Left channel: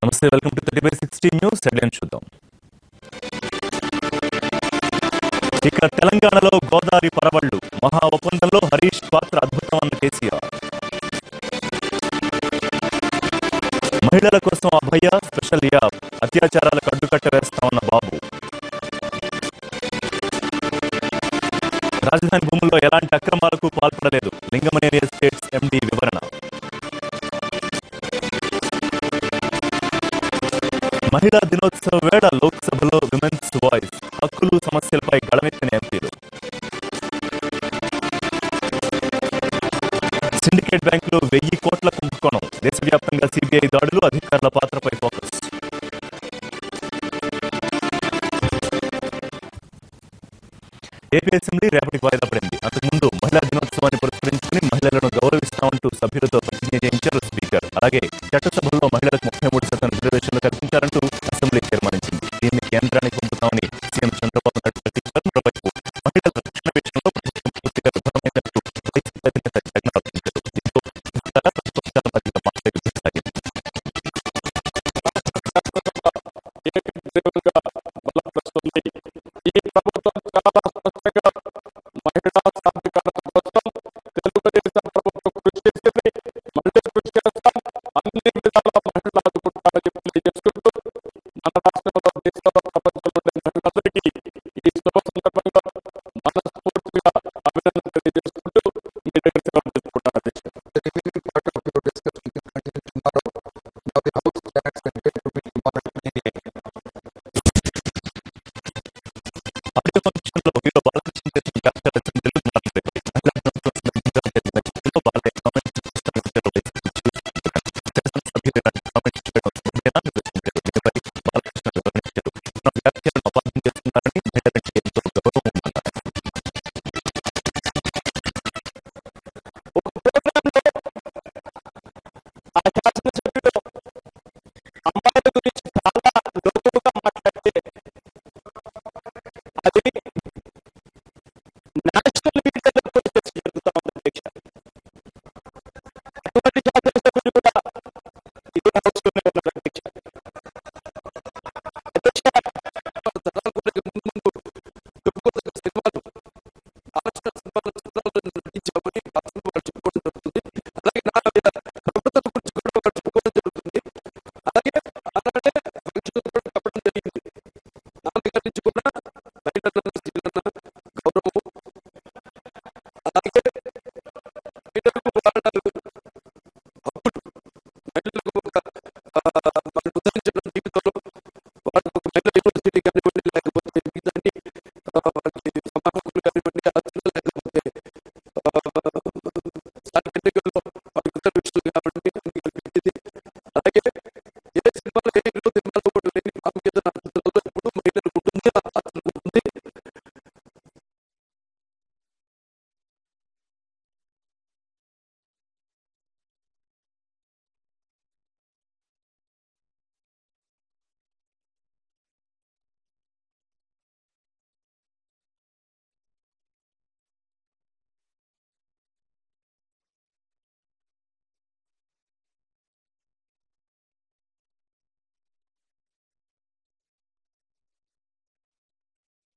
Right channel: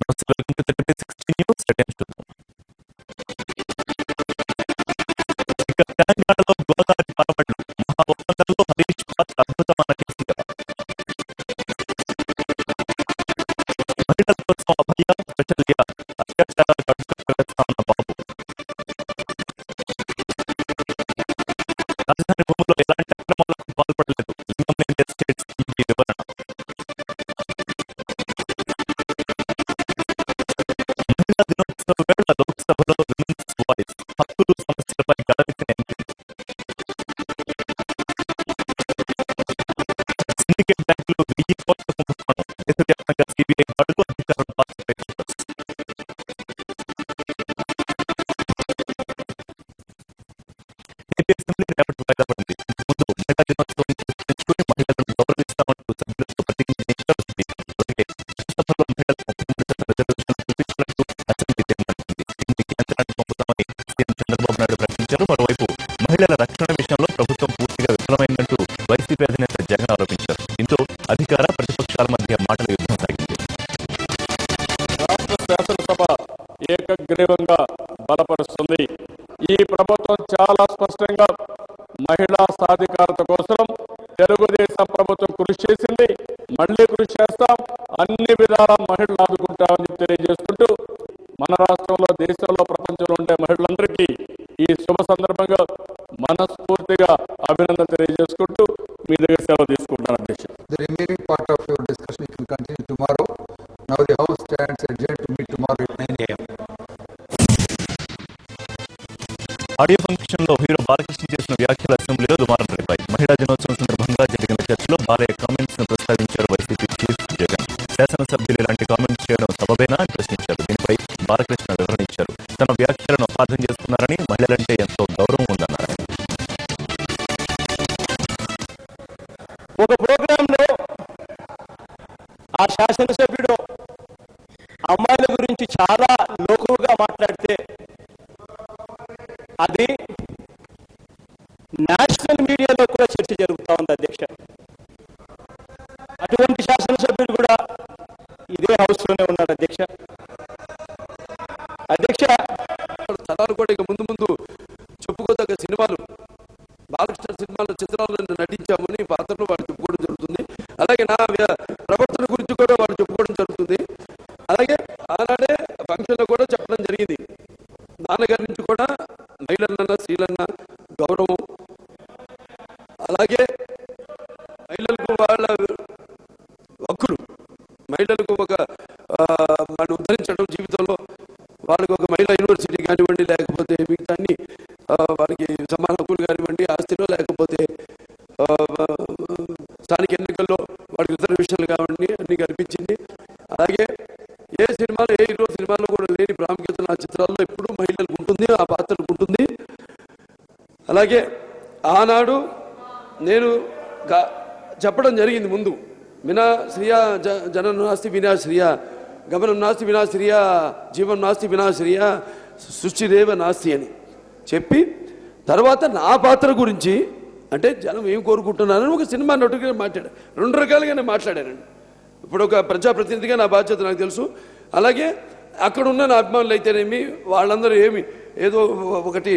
నమస్తే, welcome to 30/60 news. Headlines చూద్దాం. ఇక తెలంగాణలో గోదావరి పరవళ్లు, మహా ఒప్పందంలో హరీష్ పాత్ర అద్భుతం అన్న కేసీఆర్. మహిళల కోసం అభయ స్పెషల్ యాప్, అత్యాచారాలకు అడ్డుకట్ట వేస్తామన్న బాబు. రాజధాని భూముల్లో ఎలాంటి అక్రమాలకు పాల్పడలేదు, లింగమనేని ఎస్టేట్స్ ఎండీ వివరణ. మహిళా దినోత్సవ వేళ లోక్సభలో విమెన్స్ వాయిస్, హక్కులు సమస్యలపై గళమెత్తిన ఎంపీలు. సిండికేట్ బ్యాంకులో 1000 కోట్ల కుంభకోణం, దేశవ్యాప్తంగా సిబిఐ దాడులు, అధికారుల పాత్రపై ఫోకస్. ఏపీ అసెంబ్లీ రేపటికి వాయిదా పడింది. అంతకుముందు మహిళా దినోత్సవాన్ని పురస్కరించుకుని మహిళలను గౌరవిస్తామంటూ సభ్యులతో ప్రతిజ్ఞ చేయించారు స్పీకర్. అలాగే చట్టసభల్లో మహిళలకు 33% రిజర్వేషన్లు కల్పించాలంటూ అసెంబ్లీ తీర్మానించింది. దీన్ని కేంద్రానికి పంపుతామని సీఎం చంద్రబాబు నాయుడు ప్రకటించారు. మరోవైపు మహిళల రక్షణ విషయంలో ప్రభుత్వం పూర్తిగా విఫలమైందంటూ వైసీపీ అధినేత జగన్ ఆరోపించారు. దీంతో అధికార ప్రతిపక్షాల మధ్య మాటల యుద్ధం సాగింది. రాష్ట్ర శాసనసభ ఏకగ్రీవంగా బలపరుస్తుంది. ఈ ప్రభుత్వం చాలా స్పష్టంగా మహిళా సాధికారత కోసం తెలుగుదేశం ప్రభుత్వం కృషి చేసింది, మళ్లీ కృషి చేస్తాం, అన్ని విధాల మహిళలు ఆదుకుంటామని చెప్పి తెలియజేసుకుంటూ మన రాష్ట్రంలో, దేశంలో, ప్రపంచంలో ఉండే మహిళలందరికీ ఈ శుభ సందర్భంగా మనస్ఫూర్తిగా అభినందనలు తెలియజేసుకుంటూ మీ దగ్గర సెలవు తీసుకుంటున్నాను అధ్యక్ష. The remaining part of your discussion you can continue tomorrow. Now the House stands adjourned to meet tomorrow at 9 a.m. Audio function లో హీరో బాలకృష్ణ చేసిన వ్యాఖ్యలు అసెంబ్లీలో దుమారం రేపాయి. మహిళా దినోత్సవం సందర్భంగా జరిగిన చర్చలో బాలయ్య కామెంట్స్ ను ప్రస్తావించారు వైసీపీ చీఫ్ జగన్. శాసనసభ్యులు ఇలాంటి కామెంట్స్ చేయడం సబబేనా అని ప్రశ్నించారు. దీనిపై బాలకృష్ణ వివరణ ఇచ్చారు. తన వ్యాఖ్యలను అపార్థం చేసుకున్నారని, మహిళలంటే ఎంతో గౌరవం ఉందన్నారు ఆయన. ఒక ప్రోగ్రాంలో ఆ శాసనసభ్యుడు అమ్మాయిల గురించి చాలా లోకువుగా మాట్లాడితే అది నేషనల్ మీడియాలో కూడా చర్చ జరుగుతూ ఉంది అధ్యక్ష. అటువంటి శాసనసభ్యులు కూడా ఇదే హౌస్లోనే ఉన్నారు అధ్యక్ష. తరాలు కూడా ఇక ముందు చెప్పుకోదగ్గ సినిమాలు, బాలకృష్ణ సినిమాలో చిత్రాలను నటించామని పాత్రలు వాళ్ళు చెప్పుకోవడం జరుగుతుంది. అలాగే నా ప్రవర్తన గురించి కూడా వాళ్ళు చెప్పుకోవడం జరుగుతుంది. అలాగే ఆనాడే ఫంక్షన్లో కూడా చెప్పడం జరిగింది, నాన్నగారి నుంచి కూడా మహిళలన్నా స్త్రీలన్నా గౌరవం, అలాగే మహిళలకు వాళ్ళ హక్కులు, మహిళలకు ఒక వాళ్ళని ఉద్ధరించడం, జీవితంలో వాళ్ళకు ఒక మహిళా యూనివర్సిటీ కానివ్వండి, లేకపోతే మిగతా అన్ని వాళ్ళకి సమాన హక్కులు కానివ్వండి, ఆస్తిలో లేకపోతే స్థానిక ఎన్నికల్లో వాళ్ళకి రిజర్వేషన్లు కానివ్వండి అన్నీ కల్పించింది. అలాగే ఏ సినిమాలో, ఏ హీరో సినిమాల్లో కూడా లేని ప్రాముఖ్యత నా చిత్రాల్లో ఎప్పుడూ మహిళలకు ఉంటుంది, ఆ పాత్రలకు ఉంటుంది. అలాగే ఆనాడు నేను చెప్పడం జరిగింది ముందు, వినా శ్రియా జనం నాస్తి వినా శ్రియా, గమనం నాస్తి వినా శ్రియా, జీవం నాస్తి వినా శ్రియా, సృష్టిరేవ నాస్తి అని చెప్పి, తర్వాత నా పాత్ర గురించి అంటే జనం ఏం కోరుకుంటున్నారని ఒక సినిమా నటుగా మాట్లాడాను. 2 రకాలుగా నేను మాట్లాడానండి. ఇప్పుడు ఒక ప్రజాప్రతినిధిగా నా బాధ్యత నాకు తెలుసు. అలాగే అక్కడున్న నా అభిమానులు అయితేనేమి, వాళ్ళందరూ ఏమి ఏదో ఒకటి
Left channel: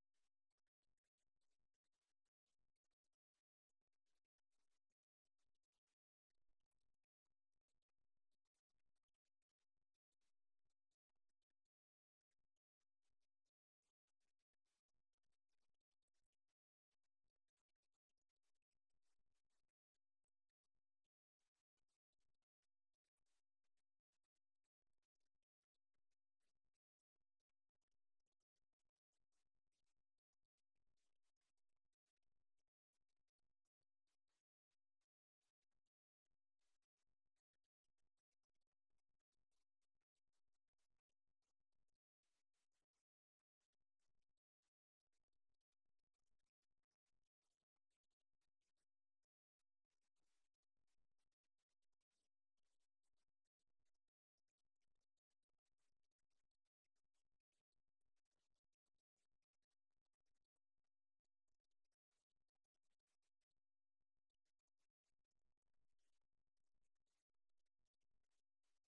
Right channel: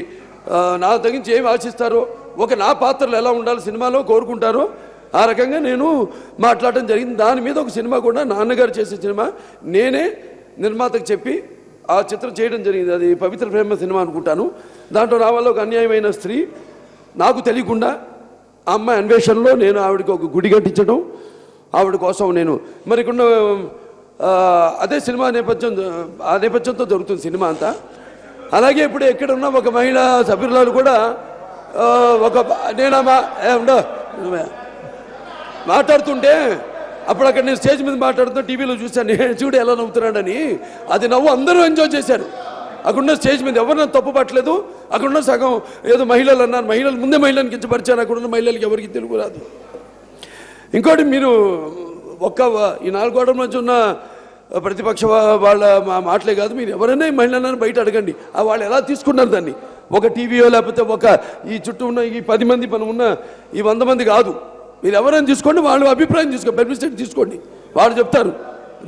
నా తగ్గించి ఏమి ఆశిస్తారో, ఒక నా పాత్రలు ఎలా ఉండాలి సినిమాలో కోరుకుంటారో ఆ రకంగా నేను మాట్లాడటం జరిగింది. దాని మీద ఒక సినిమా కూడా నాన్నగారు చేసే సినిమా నేనే నిర్మాతకు చెప్పి ఆ చిత్రం చేయడం జరిగింది. అది పవిత్ర ప్రేమ సినిమా అనుకుంటాను. దాంట్లో నా వల్ల ఒక అన్యాయమైన స్త్రీ, నాకు తెలియకుండా ఆ అమ్మాయి అన్వేషణలో నేను ఆవిడకి ఒక గుడి కట్టించడం, ఆవిడ కోసం నేను మరికొన్న అదే సినిమా ఆ నేపథ్యంతో జరుగుతుంది సినిమా అంతా. అలాగే ఇప్పుడు ఎక్కడున్న ఒక మహిళా సభ్యురాలు కూడా ఒక నేను మాట్లాడుతుంటే అప్పుడు అక్కడ నేను స్టేజ్ మీద మాట్లాడుతున్నా, టీవీలో చూశాను, నేను చూడు ఎలా నవ్వుతున్నాడని. అది నవ్వు అందరూ ఎంజాయ్ చేశారు. అక్కడున్న స్టేజ్ మీద ఎవరు నన్ను తప్పు పట్టలేదు. అక్కడున్న సగం ఏదో మహిళలు అన్నారు, మహిళలు ముందే మహిళలను కించపరిచాను. అక్కడున్న మహిళలకి ఎవరికి తెలుగు రాదు. ఇంకోటి, మీరు ఈ 4 గోడల మధ్య ఉన్న ప్రతిపక్ష వాళ్ళ మాటలే కాదు, మీరు ఎవరైనా మహిళలను బయట అడగండి, వాళ్ళు ఎలా తీసుకున్నారు దాన్ని. ఒక టీవీయో లేకపోతే ఒక ఈ చుట్టూ ఉన్న ఈ 10 మంది మనం ఉన్న ఈ 100 మంది కాదు, మీరు ఎవరైనా తీసుకోండి, వాళ్ళు అభిప్రాయం తీసుకోండి, పబ్లిసిటీ తీసుకోండి, వాళ్ళు చెప్తారు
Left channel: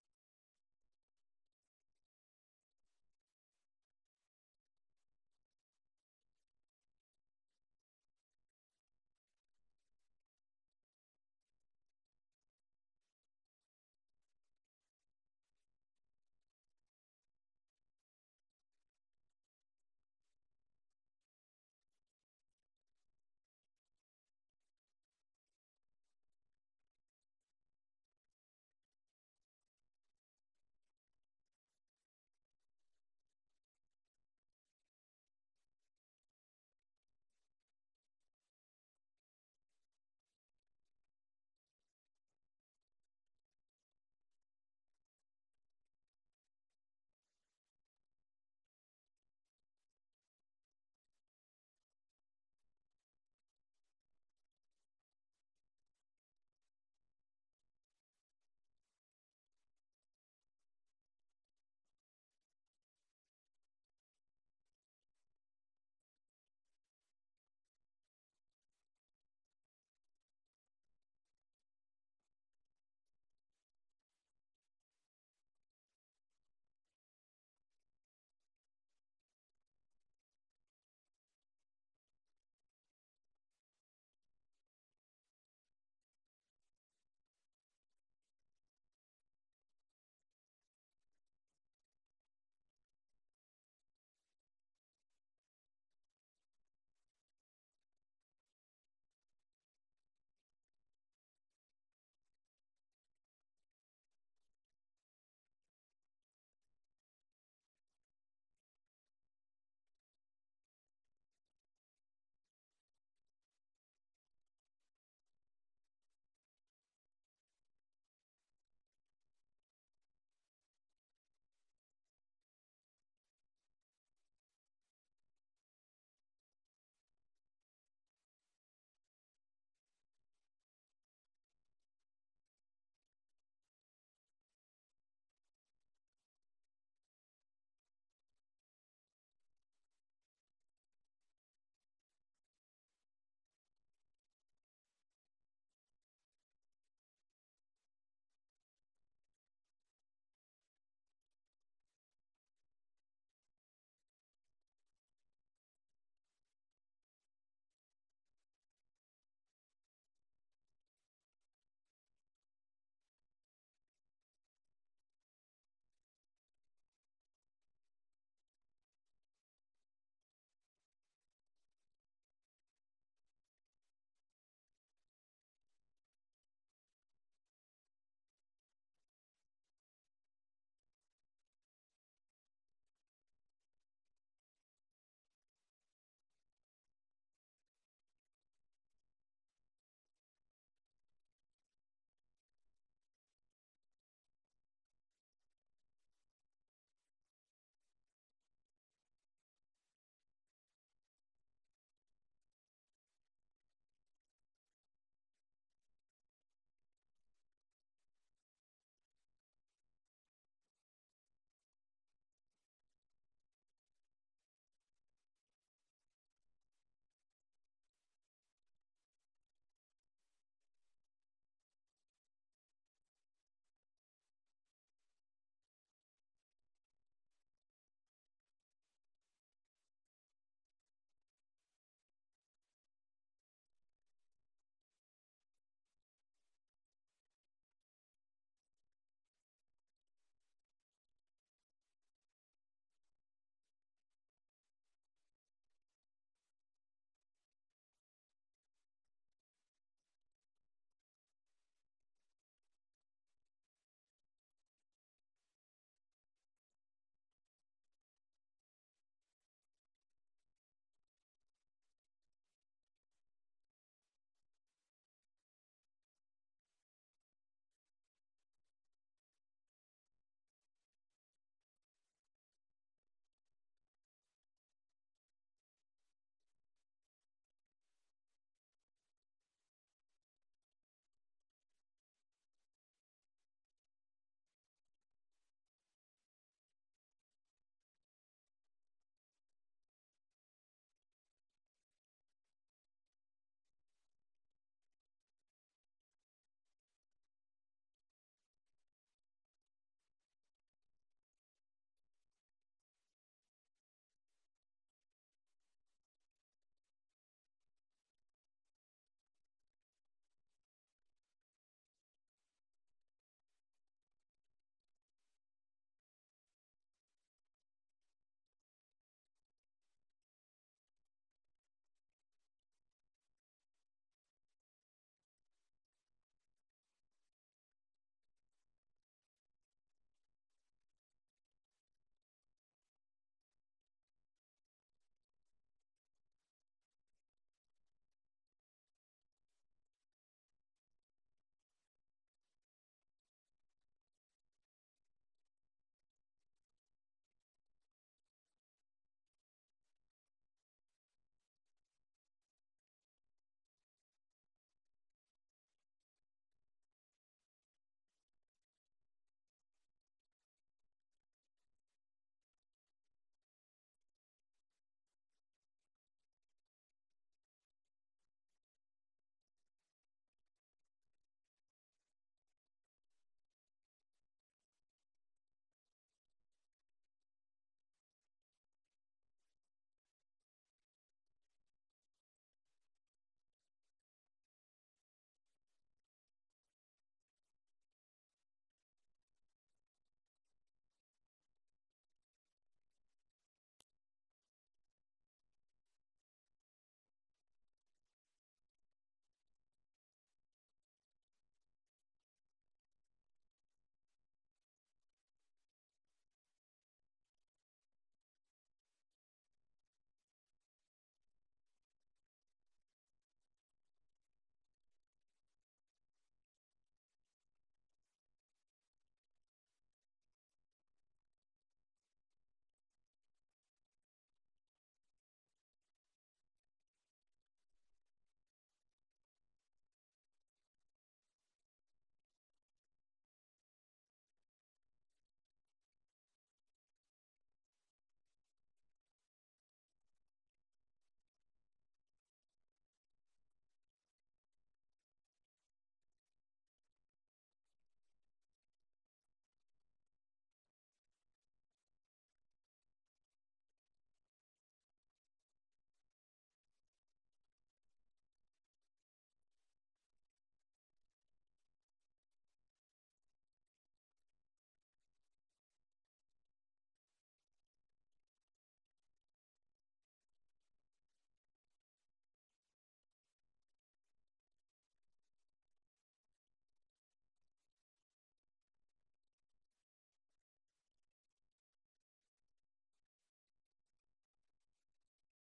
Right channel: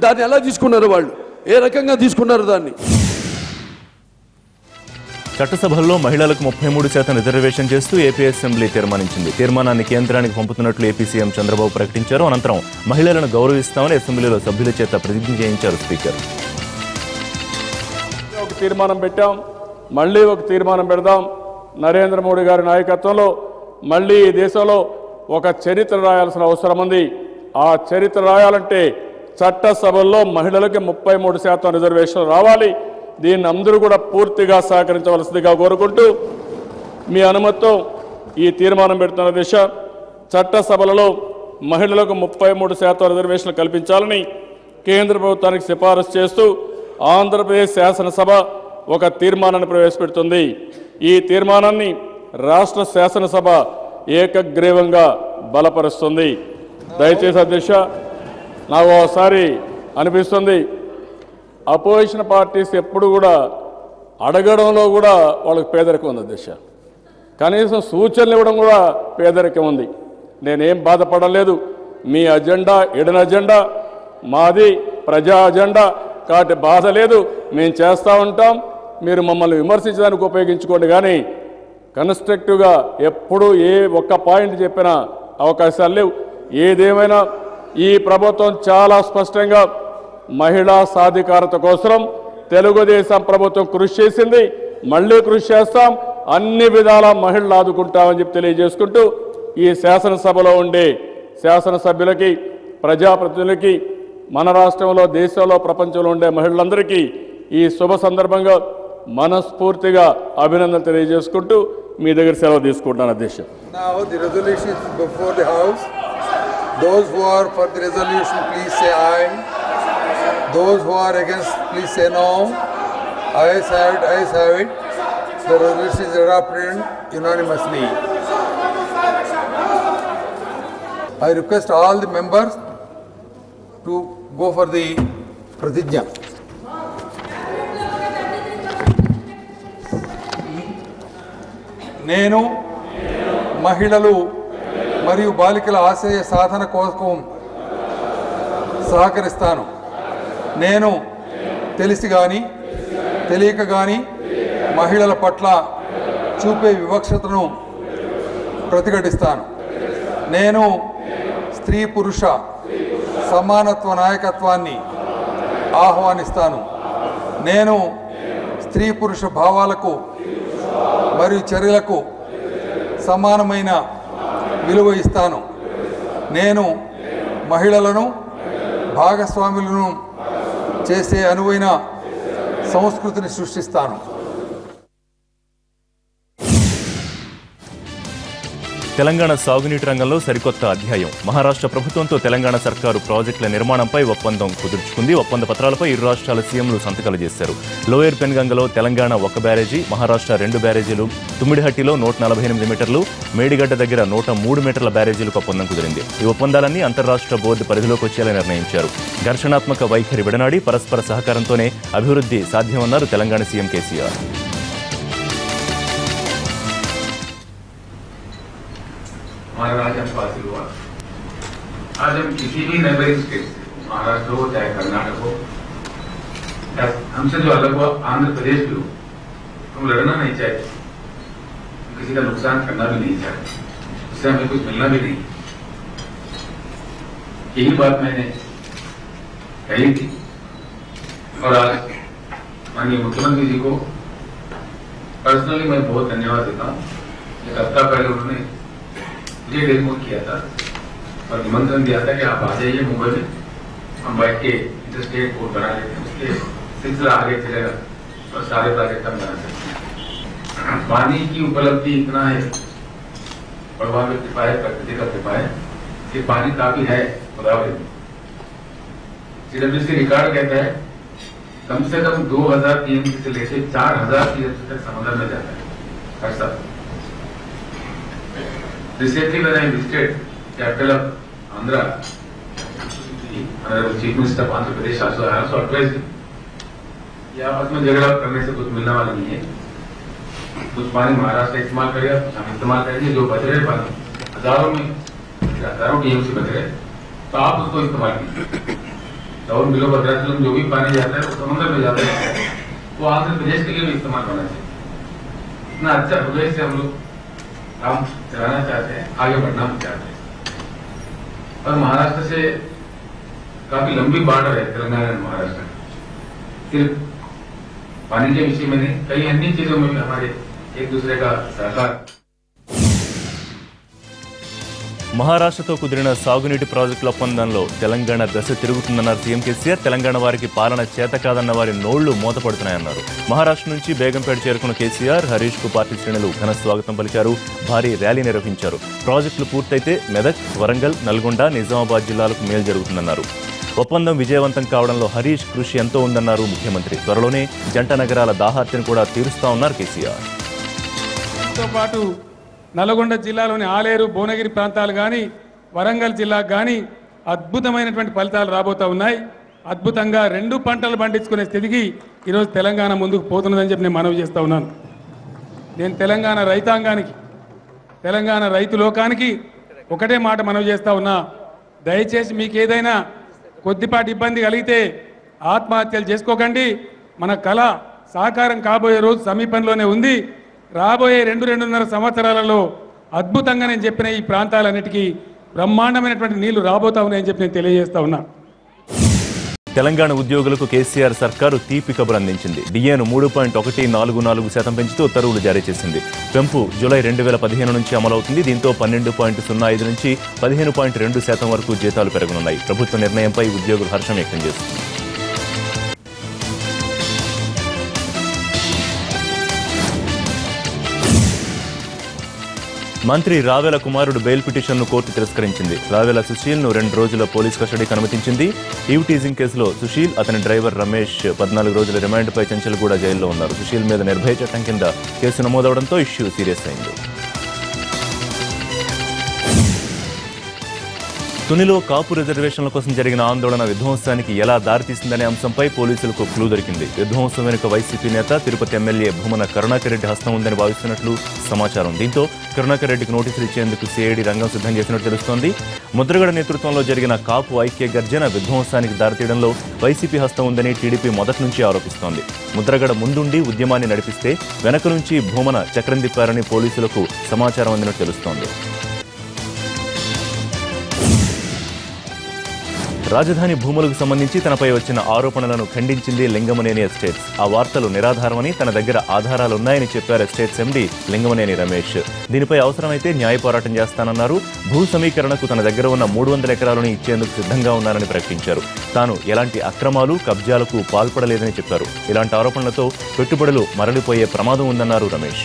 దాన్ని ఎలా తీసుకున్నారు వాళ్ళు. ఏ రకంగా తీసుకున్నారు దాన్ని. చట్టసభల్లో మహిళలకు 33% రిజర్వేషన్ చేస్తూ ఏపీ అసెంబ్లీ తీర్మానించింది. తీర్మానాన్ని కేంద్రానికి పంపుతున్నట్లు ఏపీ సీఎం చంద్రబాబు ప్రకటించారు. అనంతరం మహిళలను గౌరవిస్తామని అసెంబ్లీలో సభ్యుల చేత ప్రతిజ్ఞ చేయించారు స్పీకర్. ఒక తీర్మానం పెట్టాం, మళ్ళీ ఒక తీర్మానం పెడదాం. నరేంద్ర మోడీ గారి నాయకత్వంలో మళ్ళీ ఈ దేశంలో ఒక చరిత్ర రాయాల్సిన అవసరం ఉంది. ఆ చరిత్ర రాయాలంటే చట్టసభల్లో మహిళలకి 33% రిజర్వేషన్ రావాలి. దీన్ని అందరూ కూడా పూర్తిగా సహకరించవలసిందిగా కోరుకుంటూ మీ అనుమతితో ఈ తీర్మానం పెడుతున్న దిశ చట్టసభలలో మహిళలకు 33% రిజర్వేషన్లు కల్పించాలని కేంద్ర ప్రభుత్వానికి సిఫారసు చేస్తూ ఆంధ్రప్రదేశ్ శాసనసభ ఒక తీర్మానాన్ని ప్రవేశపెడుతుంది. ఈ తీర్మానాన్ని రాష్ట్ర శాసనసభ ఏకగ్రీవంగా బలపరుస్తుంది. దయచేసి అధ్యక్ష, నాకు ఒకసారి అనిపిస్తుంది అపోజిషన్ పార్టీస్ ఎప్పుడు కూడా అడగడంలో కూడా వాళ్ళకి పేదరికం ఉంది అధ్యక్ష. కనీసం సూచనలు ఇవ్వడం కూడా పేదరికం ఉంది. నేనేం బాధపడలేదు. మీ అజెండా ఎడన అజెండా, మాది ప్రజా అజెండా కాబట్టి బాధ లేదు. మేము చేస్తూ ఉంటాం. మీరు మమ్మల్ని విమర్శించడానికి ఉపయోగించుకోండి, కానీ కన్స్ట్రక్టివ్గా ఎప్పుడు ఏ ఒక్క పాయింట్ చెప్పినా అవకాశాలు లేవు. ఏదేమైనా ఈ ప్రభుత్వం చాలా స్పష్టంగా మహిళా సాధికారత కోసం తెలుగుదేశం ప్రభుత్వం కృషి చేసింది, మళ్ళీ కృషి చేస్తాం. అన్ని విధాల మహిళలు ఆదుకుంటామని చెప్పి తెలియజేసుకుంటూ ఈ శాసనసభలో ఉండే శాసనసభ్యులకి, ప్రజాప్రతినిధులకి, మన రాష్ట్రంలో, దేశంలో, ప్రపంచంలో ఉండే మహిళలందరికీ ఈ శుభ సందర్భంగా మనస్ఫూర్తిగా అభినందనలు తెలియజేసుకుంటూ మీ దగ్గర సెలవు తీసుకుంటున్నాను అధ్యక్ష. Now the resolution is before the House. Those who are for the resolution, please say aye. Those who are against, please say no. Ayes have it, ayes have it. The resolution is adopted unanimously. I request all the members to go for the pratijna. నేను మహిళలు మరియు బాలికల ఆశయ సాధన కోసం సహకరిస్తాను. నేను తెలిసి కానీ తెలియక కానీ మహిళల పట్ల చూపే వివక్షతను ప్రతిఘటిస్తాను. నేను స్త్రీ పురుష సమానత్వ నాయకత్వాన్ని ఆహ్వానిస్తాను. నేను స్త్రీ పురుష భావాలకు మరియు చర్యలకు సమానమైన విలువ ఇస్తాను. నేను మహిళలను భాగస్వాములను చేసే అనువైన సంస్కృతిని సృష్టిస్తాను. తెలంగాణ సాగునీటి రంగంలో సరికొత్త అధ్యాయం. మహారాష్ట్ర ప్రభుత్వంతో తెలంగాణ సర్కారు ప్రాజెక్టుల నిర్మాణంపై ఒప్పందం కుదుర్చుకుంది. ఒప్పంద పత్రాలపై ఇరు రాష్ట్రాల సీఎంలు సంతకాలు చేశారు. లోయర్ పెన్గంగలో తెలంగాణ 1 బ్యారేజీ, మహారాష్ట్ర 2 బ్యారేజీలు, తుమ్మిడిహట్టిలో 148 మీటర్లు, మేడిగడ్డ దగ్గర 103 మీటర్ల బ్యారేజీలకు ఒప్పందం కుదిరింది. ఈ ఒప్పందాలన్నీ అంతర్రాష్ట్ర బోర్డు పరిధిలోకి వచ్చేలా నిర్ణయించారు. ఘర్షణాత్మక వైఖరి విడనాడి పరస్పర సహకారంతోనే అభివృద్ధి సాధ్యమన్నారు తెలంగాణ సీఎం కేసీఆర్. हमारा आज हम हासिल हुआ। आज हम किसी भी नेबरिंग स्टेट, महाराष्ट्र हो चाहे कर्नाटक हो, हमसे जो अलग हुआ आंध्र प्रदेश भी हो, हम लड़ना नहीं चाहते, किसी का नुकसान करना भी नहीं चाहते, उससे हमें कुछ मिलना भी नहीं। यही बात मैंने कही थी और आज माननीय मुख्यमंत्री जी को पर्सनली मैं बहुत धन्यवाद देता हूँ। एक हफ्ता पहले उन्होंने मुझे टेलीफोन किया था और निमंत्रण दिया था कि आप आ जाइए मुंबई में, हम बैठ के इंटरस्टेट बोर्ड बना लेते हैं, उसके सिलसिला आगे चलेगा और सारे प्रोजेक्ट हम बना सकते हैं। पानी की उपलब्धि इतना है, प्रभाव में कृपा है, प्रकृति का कृपा है कि पानी काफी है गोदावरी में। सीडब्ल्यूसी रिकॉर्ड कहता है कम से कम 2000 टीएमसी से लेकर 4000 टीएमसी तक समुद्र में जाता है हर साल। Recently, when I visited capital of Andhra, Honorable Chief Minister of Andhra Pradesh also advised me, कि आपस में झगड़ा करने से कुछ मिलने वाला नहीं है। कुछ पानी महाराष्ट्र इस्तेमाल करेगा, कुछ हम इस्तेमाल करेंगे, जो बच रहे पानी हजारों टीएमसी बच रहे, तो आप उसको इस्तेमाल कीजिए। तो और बिलो भद्राचलम जो भी पानी जाता है वो समुद्र में जाता है, वो आंध्र प्रदेश के लिए भी इस्तेमाल होना चाहिए। इतना अच्छा हृदय से हम लोग काम चलाना चाहते हैं, आगे बढ़ना चाहते हैं। और महाराष्ट्र से काफी लंबी बॉर्डर है तेलंगाना और महाराष्ट्र, सिर्फ पानी के विषय में नहीं, कई अन्य चीजों में भी हमारे एक दूसरे का सहकार। మహారాష్ట్రతో కుదిరిన సాగునీటి ప్రాజెక్టుల ఒప్పందంలో తెలంగాణ దశ తిరుగుతుందన్నారు సీఎం కేసీఆర్. తెలంగాణ వారికి పాలన చేత కాదన్న వారి నోళ్లు మూతపడుతున్నాయన్నారు. మహారాష్ట్ర నుంచి బేగంపేట చేరుకున్న కేసీఆర్ హరీష్ కు పార్టీ శ్రేణులు ఘన స్వాగతం పలికారు. భారీ ర్యాలీ నిర్వహించారు. ప్రాజెక్టులు పూర్తయితే మెదక్, వరంగల్, నల్గొండ, నిజామాబాద్ జిల్లాలకు మేలు జరుగుతుందన్నారు. ఒప్పందం విజయవంతం కావడంలో హరీష్ కృషి ఎంతో ఉందన్నారు ముఖ్యమంత్రి. త్వరలోనే జంట నగరాల దాహార్తిని కూడా తీరుస్తామన్నారు కేసీఆర్. నల్గొండ జిల్లాలోని ఆలేరు, భువనగిరి ప్రాంతాలు కానీ, వరంగల్ జిల్లాకు కానీ అద్భుతమైనటువంటి ఫలితాలు రాబోతూ ఉన్నాయి. అద్భుతంగా 2 పంటలు పండించుకునే స్థితికి ఈరోజు తెలంగాణ ముందుకు పోతున్నదని చెప్పి నేను మనవి చేస్తూ ఉన్నాను. నేను తెలంగాణ రైతాంగానికి, తెలంగాణ రైతు లోకానికి ఒకటే మాట మనవి చేస్తూ ఉన్నా. దయచేసి మీకు ఏదైనా కొద్దిపాటి ఇబ్బంది కలిగితే ఆత్మహత్యలు చేసుకోకండి. మన కళ సాకారం కాబోయే రోజు సమీపంలోనే ఉంది. రాబోయే 2-2.5 సంవత్సరాలలో అద్భుతంగా నేను చెప్పిన ఈ ప్రాంతాలన్నిటికీ బ్రహ్మాండమైనటువంటి నీళ్లు రాబోతా ఉన్నాయని చెప్పి నేను తెలియజేస్తా ఉన్నా. తెలంగాణ ఉద్యోగులకు కేసీఆర్ సర్కారు తీపి కబురు అందించింది. డిఏను 3.144% పెంచుతూ ఉత్తర్వులు జారీ చేసింది. పెంపు జూలై 2015 నుంచి అమలవుతుంది. దీంతో 12.05 నుంచి 15.2% వరకు జీతాలు పెరగనున్నాయి. ప్రభుత్వ నిర్ణయంపై ఉద్యోగులు హర్షం వ్యక్తం చేస్తున్నారు. మంత్రి రావెల కుమారుడు బెయిల్ పిటిషన్ను కోర్టు తిరస్కరించింది. రావెల సుశీల్ను 2 రోజుల పోలీస్ కస్టడీకి అనుమతించింది. ఈవ్ టీజింగ్ కేసులో సుశీల్, అతని డ్రైవర్ రమేష్ 14 రోజుల రిమాండ్పై చెంచల్గూడ జైల్లో ఉన్నారు. సుశీల్ మీద నిర్భయ చట్టం కింద కేసు నమోదవడంతో ఇష్యూ సీరియస్ అయింది. తునిలో కాపు రిజర్వేషన్ల కోసం జరిగిన ఆందోళన విధ్వంసానికి ఎలా దారితీసిందనే అంశంపై పోలీసులకు క్లూ దొరికింది. విధ్వంసం వెనుక వైసీపీ నేత, తిరుపతి ఎమ్మెల్యే భూమన కరుణాకర్ రెడ్డి హస్తం ఉందని భావిస్తున్నట్లు సమాచారం. దీంతో కరుణాకర్ రెడ్డికి నోటీసులు ఇచ్చేందుకు సిఐడి రంగం సిద్ధం చేసినట్టు తెలుస్తోంది. ముద్రగడ నేతృత్వంలో జరిగిన కాపు ఐక్య గర్జన విధ్వంసానికి దారితీయడంలో వైసీపీ హస్తం ఉందని టీడీపీ మొదటి నుంచి ఆరోపిస్తోంది. ముద్రగడ ముందుండి ఉద్యమాన్ని నడిపిస్తే వెనక నుంచి భూమన చక్రం తిప్పారని పోలీసులకు సమాచారం అందినట్టు తెలుస్తోంది. రాజధాని భూములకు సంబంధించి తనపై వచ్చిన ఆరోపణలను ఖండించింది లింగమనేని ఎస్టేట్స్. ఆ వార్తలు నిరాధారమని, తన దగ్గర ఆధారాలున్నాయని చెప్పారు ఎస్టేట్స్ ఎండీ లింగమనేని రమేష్. దీనిపై అవసరమైతే న్యాయ పోరాటం చేస్తానన్నారు. భూ సమీకరణకు తన దగ్గర ఉన్న 300 ఎకరాలను ఇచ్చేందుకు సిద్ధంగా ఉన్నారని ప్రకటించారు. తాను ఎలాంటి అక్రమాలు, కబ్జాలకు పాల్పడలేదని చెప్పారు. ఇలాంటి ఆరోపణలతో పెట్టుబడులు మరలిపోయే ప్రమాదం ఉందన్నారు రమేష్.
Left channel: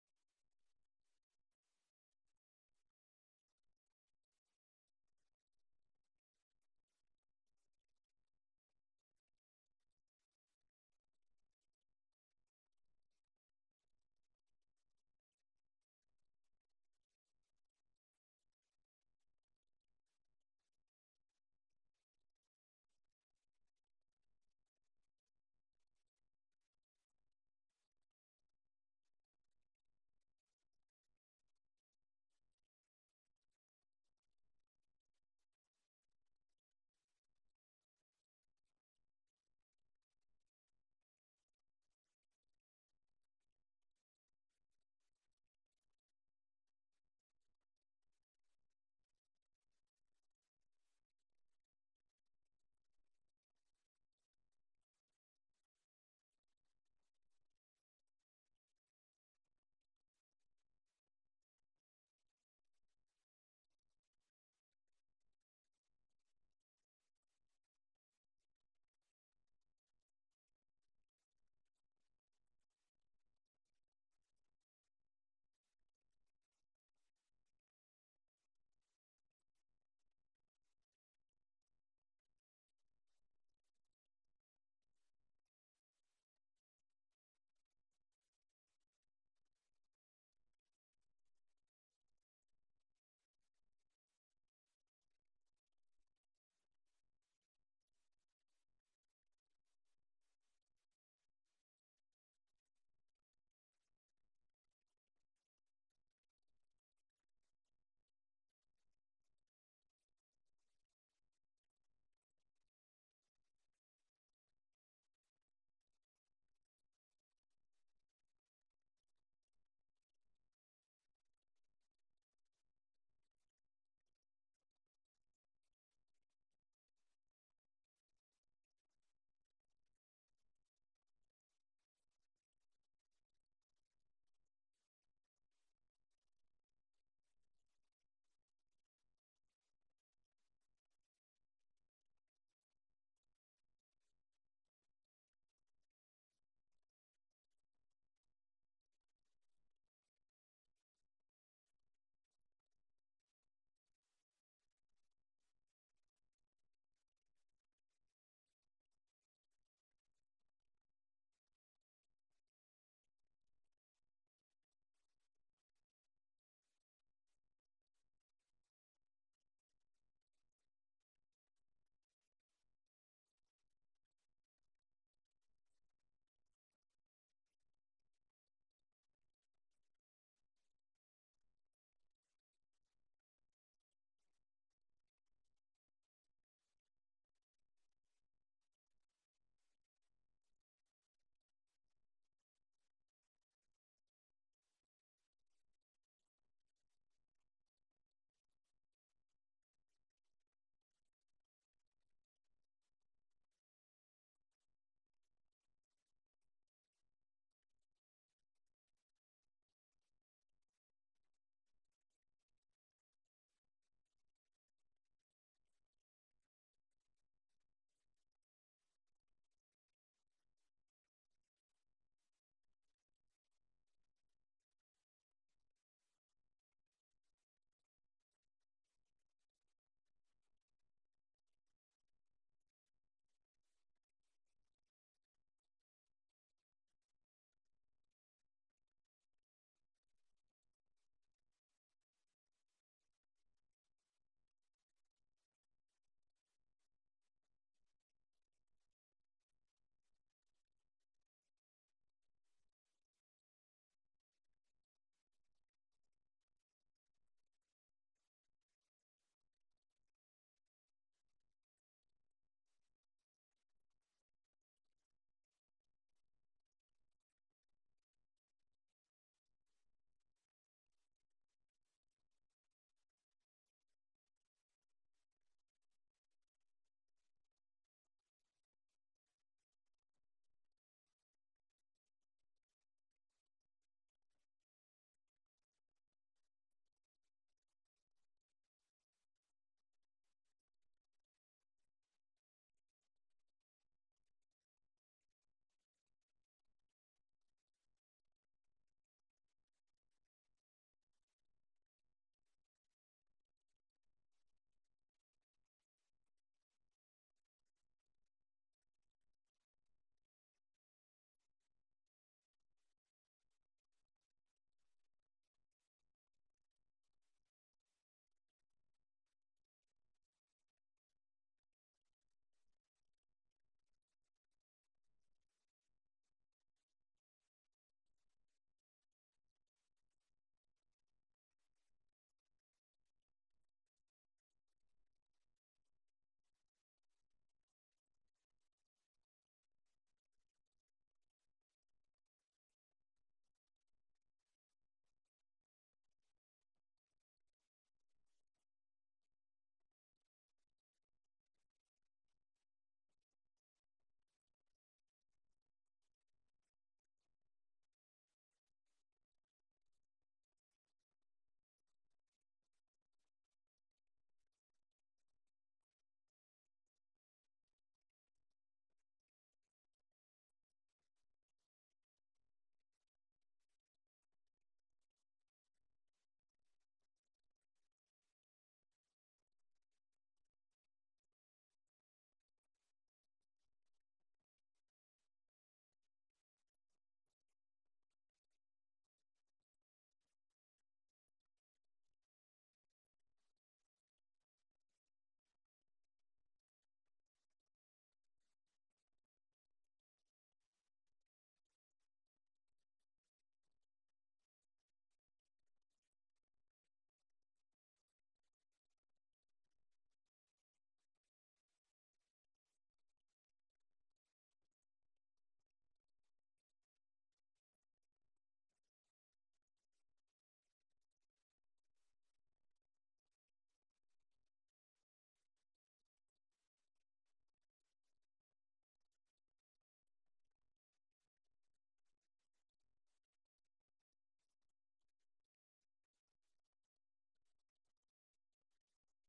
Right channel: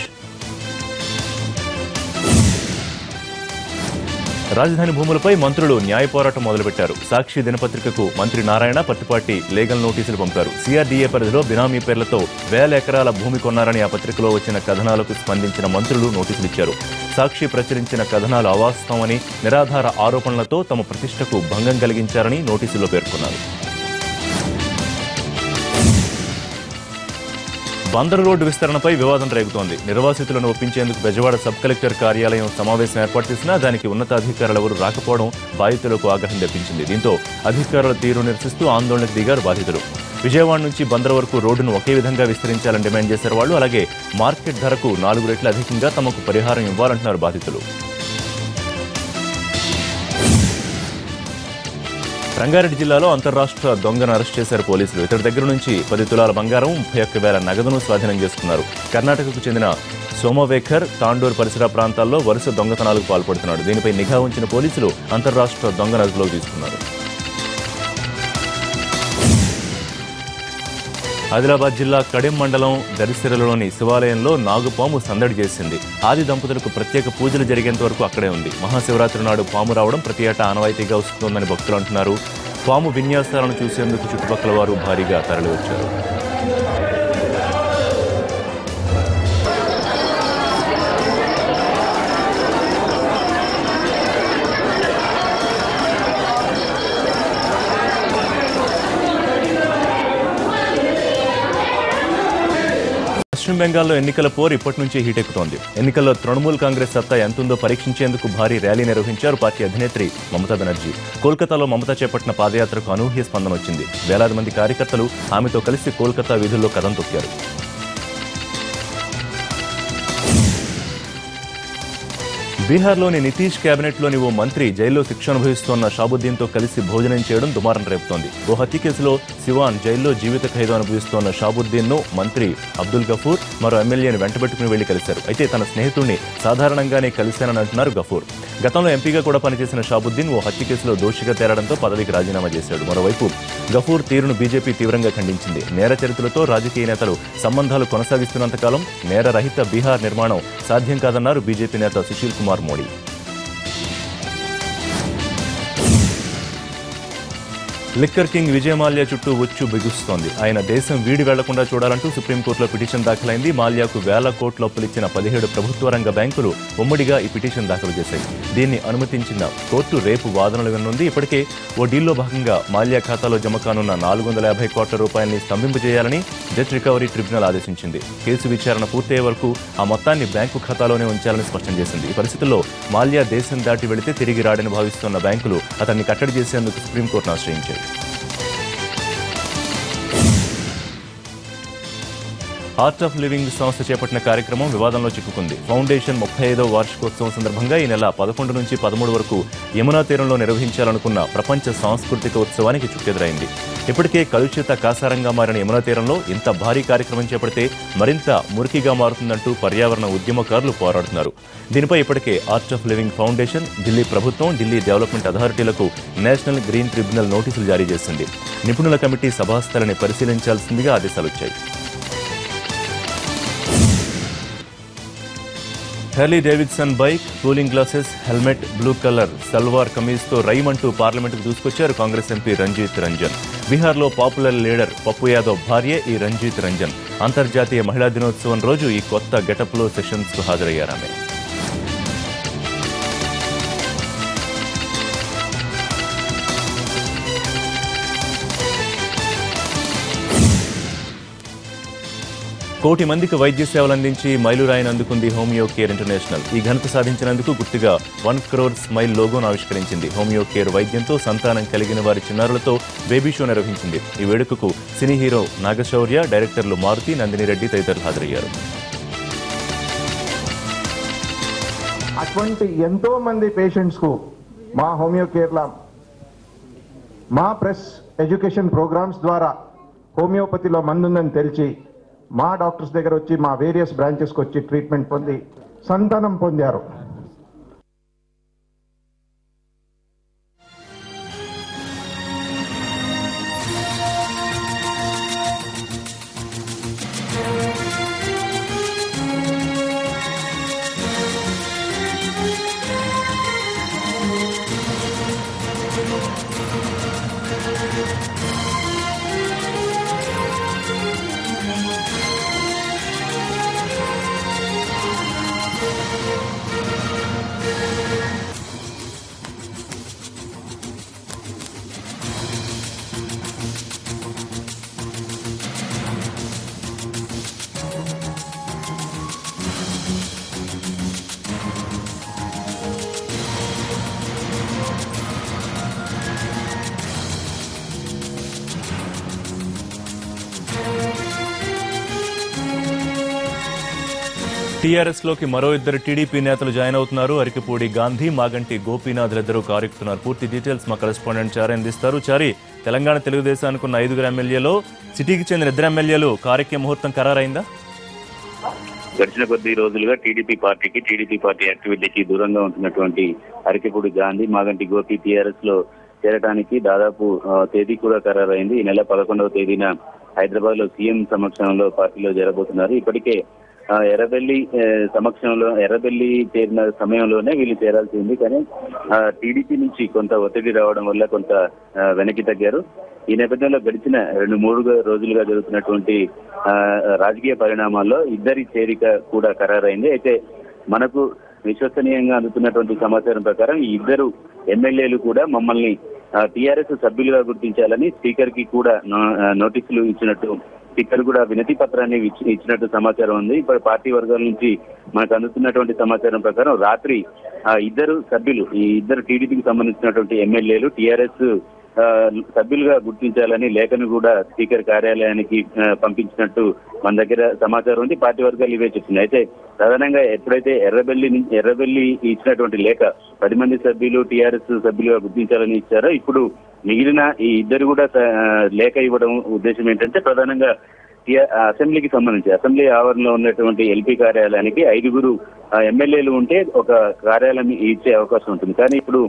రాజధాని భూములపై మంత్రులు న్యాయ పోరాటం మొదలుపెట్టారు. సాక్షి దినపత్రికకు మంత్రి నారాయణ, పత్తిపాటి లీగల్ నోటీసులు పంపారు. సిఆర్డీఏ పరిధిలో బినామీ పేర్లతో 1000 ఎకరాల భూమి కొన్నారని ఆ పత్రికలో వచ్చిన కథనాలకు స్పందించిన మంత్రులు నోటీసులు ఇచ్చారు. సాక్షి ప్రచురించిన కథనాలు అవాస్తవమని, నిరాధార ఆరోపణలతో తమ ప్రతిష్టకు భంగం కలిగించారని నోటీసుల్లో పేర్కొన్నారు. బందరు రోడ్డు విస్తరణపై వివాదం రేగుతోంది. నిర్వాసితులను ఒప్పించేందుకు బెజవాడ సబ్ కలెక్టర్ కార్యాలయం సమావేశం ఏర్పాటు చేసినా దానికి ఉన్నతాధికారులెవరూ రాకపోవడం బాధితులకు ఆగ్రహం తెప్పించింది. దీంతో అధికారుల తీరు నిరసిస్తూ ఆందోళనకు దిగారు బాధితులు. విజయవాడ నుంచి బందరు వరకు రోడ్డును ఒకే విధంగా విస్తరించాలని డిమాండ్ చేశారు వాళ్ళు. అలాగే మార్కెట్ ధరకు 4 రెట్లు అధికంగా తమకు పరిహారం ఇవ్వాలంటున్నారు బాధితులు. రంగారెడ్డి జిల్లాలో అంతర్రాష్ట్ర దొంగను అరెస్ట్ చేశారు పోలీసులు. ఇతడి దగ్గర నుంచి 10 తులాల బంగారం, 31,000 నగదును స్వాధీనం చేసుకున్నారు. కర్ణాటకకు చెందిన సోమవేఖర్ తాండూరు పరిసర ప్రాంతాల్లో వరుస దొంగతనాలకు పాల్పడుతున్నాడు. దీనిపై నిఘా ఉంచిన పోలీసులు అంతర్రాష్ట్ర దొంగను అదుపులోకి తీసుకున్నారు. ఆదిలాబాద్ జిల్లా కడెం మండలం దరిసిరలోని శివాలయంలో నాగుపాము సందడి చేసింది. ఆది దంపతులకు ప్రత్యేక పూజలు జరిగేంత వరకు అక్కడే ఉంది. మహాశివరాత్రి నాడు పాము రావడం ప్రతి ఏటా ఆనవాయితీగా వస్తుందని భక్తులు అంటున్నారు. పాము విన్యాసాలను చూసేందుకు చుట్టుపక్కల వారు భారీగా తరలివచ్చారు. పశ్చిమ బెంగాల్లో ఎన్నికల పోరు ఇప్పటి నుంచే హీటెక్కుతోంది. ఎన్నికల్లో తృణమూల్ కాంగ్రెస్ సత్తా ఎంతుందో పరీక్షించేందుకు భారీ ర్యాలీ నిర్వహించారు పార్టీ అధినేత్రి మమతా బెనర్జీ. కోల్కతాలో మమతా చేపట్టిన పాదయాత్రకు అనూహ్య స్పందన వచ్చింది. వేలాది మంది కార్యకర్తలు ఆమెతో కలిసి కోల్కతా వీధుల్లో కదం తొక్కారు. బీహార్లోని నితీష్ కేబినెట్లోని ఓ మంత్రి జైల్లో శిక్ష అనుభవిస్తోన్న షాబుద్దీన్తో కలిసి భోజనం చేయడం దుమారం రేపుతోంది. ఓ హత్య కేసులో సివాన్ జైల్లో జీవిత ఖైదు అనుభవిస్తోన్న షాబుద్దీన్ను మంత్రి అబ్దుల్ గఫూర్ మరో ఎమ్మెల్యేని వెంటబెట్టుకుని వెళ్లి కలిశారు. అయితే తన స్నేహితుడిని సాధారణంగానే కలిశానని అంటున్నారు గఫూర్. గతంలో ఎంపీగా కూడా పనిచేసిన షాబుద్దీన్ ఓ హత్య కేసులో దోషిగా తేలడంతో పదవికి రాజీనామా చేశాడు. మరోవైపు గఫూర్ తీరును బీజేపీ తీవ్రంగా ఖండించింది. నేర చరిత్రతో రాజకీయ నేతలు సంబంధాలు కొనసాగిస్తున్నంతకాలం నేరరహిత బీహార్ నిర్మాణం సాధ్యం కాదన్నారు బీజేపీ నేత సుశీల్ కుమార్ మోడీ. లిక్కర్ కింగ్ విజయ్ మాల్యా చుట్టూ ఉచ్చు బిగుస్తోంది. ఆయన దేశం వీడి వెళ్లకుండా చూడాలంటూ సుప్రీంకోర్టులో పిటిషన్ దాఖలైంది. మాల్యాకు వేల కోట్ల అప్పులిచ్చిన 17 ప్రభుత్వ రంగ బ్యాంకులు ఉమ్మడిగా ఈ పిటిషన్ దాఖలు చేశాయి. దీన్ని అనుమతించిన కోర్టు రేపు వాదనలు విననుంది. ఇప్పటికే ఓ డీల్లో భాగంగా మాల్యా ఖాతాలో జమ కానున్న 450 కోట్ల రూపాయలని స్తంభింపజేయాలని డెట్ రికవరీ ట్రిబ్యునల్ ఆదేశించింది. కేసు విచారణ పూర్తయ్యే వరకు ఆ మొత్తాన్ని బ్యాంకు ఖాతాలోనే ఉంచాలని స్పష్టం చేసింది. ఈ పరిస్థితుల్లో మాల్యా దేశం దాటి వెళితే తిరిగి రాడని భావిస్తున్న బ్యాంకులు అతన్ని కట్టడి చేసేందుకు సుప్రీంకోర్టును ఆశ్రయించాయి. ఆర్ట్ ఆఫ్ లివింగ్ సంస్థ చేపట్టిన కార్యక్రమం వివాదంలో చిక్కుకుంది. ఫౌండేషన్ 35వ వార్షికోత్సవం సందర్భంగా ఈ నెల 11 నుంచి 13 వరకు యమునా తీరంలో నిర్వహించాలనుకున్న ప్రపంచ సాంస్కృతిక ఉత్సవానికి చుక్కెదురైంది. ఇప్పటికే కలుషిత కాసారంగా మారిన యమునా తీరంలో ఇంత భారీ కార్యక్రమం చేపడితే మరింత మురికిగా మారుతుందంటూ పర్యావరణ ఉద్యమకారులు పోరాడుతున్నారు. దీనిపై ఇప్పటికే art of living foundation, Delhi ప్రభుత్వం, ఢిల్లీ డెవలప్మెంట్ అథారిటీలకు నేషనల్ గ్రీన్ ట్రిబ్యునల్ నోటీసులు జారీ చేసింది. నిపుణుల కమిటీ సభాస్థలిని పరిశీలించాల్సిందిగా ఆదేశాలొచ్చాయి. Harley Davidson bike, cooling glasses, helmet, blue colour salwar కమీజ్తో రైమంటూ పార్లమెంటుకు దూసుకొచ్చారు కాంగ్రెస్ ఎంపీ రంజిత్ రంజన్. బీహార్లో పాపులర్ లీడర్ పప్పు యాదవ్ భార్యే ఈ రంజిత్ రంజన్. అంతర్జాతీయ మహిళా దినోత్సవం రోజు ఈ కొత్త గెటప్లో సెషన్స్కు హాజరయ్యారామె. కోటి మందికి వైద్య సేవలు అందించి మైలురాయిని అందుకుంది హోమియో కేర్ ఇంటర్నేషనల్. ఈ ఘనత సాధించినందుకు గుర్తుగా 1 crore స్మైల్ లోగోను ఆవిష్కరించింది. హోమియో కేర్ వైద్యంతో సంతానం కలిగిన వారి చిన్నారులతో బేబీ షో నిర్వహించింది. ఈ వేడుకకు సినీ హీరో నాగశౌర్య, డైరెక్టర్లు మారుతి, నందిని రెడ్డి తదితరులు హాజరయ్యారు. అటువంటి ఎంతో మంది పేషెంట్స్ కు మా హోమియో కేర్లా మా ప్రెస్ ఎడ్యుకేషన్ ప్రోగ్రామ్స్ ద్వారా హోమియోపతిలో మందుందని తెలిసి మా డాక్టర్స్ దగ్గర వచ్చి మా వేరియస్ బ్రాంచెస్కి వచ్చి ట్రీట్మెంట్ పొంది సంతానం పొందారు. టీఆర్ఎస్లోకి మరో ఇద్దరు టీడీపీ నేతలు జాయిన్ అవుతున్నారు. అరికపూడి గాంధీ, మాగంటి గోపీనాథ్లిద్దరూ కారెక్కుతున్నారు. పూర్తి డీటెయిల్స్ మా కరెస్పాండెంట్ చారి అందిస్తారు. చారి, తెలంగాణ తెలుగుదేశానికి ఉన్న 5 ఎమ్మెల్యేలో సిటీకి చెందిన 2 ఎమ్మెల్యేలు కారెక్కే ముహూర్తం ఖరారైందా? గడిచిన కొద్ది రోజులుగా టీడీపీ పార్టీ యాక్టివిటీకి దూరంగా ఉంటున్నటువంటి అరికపూడి గాంధీ, మాగంటి గోపి టీఆర్ఎస్ లో చేరడానికి దాదాపు తేదీ కూడా ఖరారైంది. ఈ నెల 11వ తేదీన హైదరాబాద్ లో సీఎం సమక్షంలో పార్టీలో చేరబోతున్నారు. ఇప్పటికే ఎర్రబెల్లి చేరిన సమయంలోనే వీళ్ళు చేరాల్సి ఉంది. కానీ టీడీపీ నుంచి కొంత ఒత్తిడి రావడం వల్ల కొంత వెనక్కి తగ్గారు. ఈ నేపథ్యంలో గడిచిన 2-3 రోజులుగా జరుగుతున్నటువంటి రాజకీయ పరిణామాల్లో ఇద్దరి చేరిక కూడా ఖరారైంది. అయితే మనకు విశ్వసనీయంగా అందుతున్నటువంటి సమాచారం ప్రకారం ఈ ఇద్దరు ఎమ్మెల్యేలు కూడా మమ్మల్ని టీఆర్ఎస్ సభ్యులుగా గుర్తించాలని స్పీకర్ కి కూడా నోటీసులు ఇచ్చినట్టు స్పీకర్ కూడా వినతి పత్రాన్ని ఇచ్చినట్టు సమాచారం ఉంది. ఇప్పుడు పార్టీ వర్గాల నుంచి మనకు అందుతున్నటువంటి సమాచారం ప్రకారం రాత్రి ఈ ఇద్దరు టీడీపీకి సంబంధించినటువంటి ఎమ్మెల్యేలు టీఆర్ఎస్ సభ్యులుగా గుర్తించాలని లేఖను కూడా స్పీకర్ కార్యాలయానికి పంపించినట్టు మన దగ్గర సమాచారం ఉంది. పార్టీ వర్గాలు ఇవే చెప్తున్నాయి. అయితే ప్రధానంగా ఎప్పుడైతే ఎర్రబెల్లి ఇచ్చినటువంటి లేఖ 10 మంది సభ్యులు టీఆర్ఎస్ సభ్యులుగా గుర్తించాలని ఇచ్చారో, ఇప్పుడు మిగిలిన ఈ ఇద్దరు కూడా లేఖ ఇవ్వడం ఉద్దేశం ఏంటంటే ప్రధానంగా అసెంబ్లీకి సంబంధించి అసెంబ్లీ ఆవరణలో ఉన్నటువంటి ఎల్పీ కార్యాలయానికి 5 ఎమ్మెల్యేలు ఉంటే ఒక కార్యాలయం ఇచ్చే అవకాశం ఉంటుంది. కానీ ఇప్పుడు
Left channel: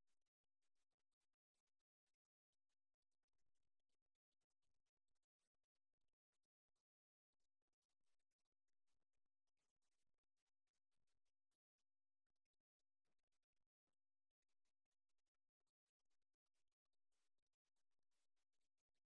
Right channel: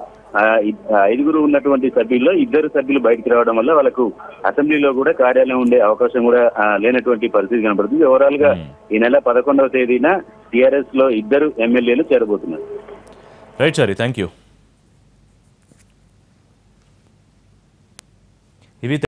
5 ఉన్నటువంటి సభ్యుల్లో 2 సభ్యులు బయటకు రావడం వల్ల వాళ్ళకు అసెంబ్లీలో కూడా కార్యాలయం ఉండే అవకాశం కూడా లేనటువంటి పరిస్థితి కనబడుతుంది. ఓవరాల్ గా ఈ నెల 11వ తేదీన టీఆర్ఎస్ లో 2 ఎమ్మెల్యేలు చేరబోతున్నారు. Right sorry, thank you. ఇవి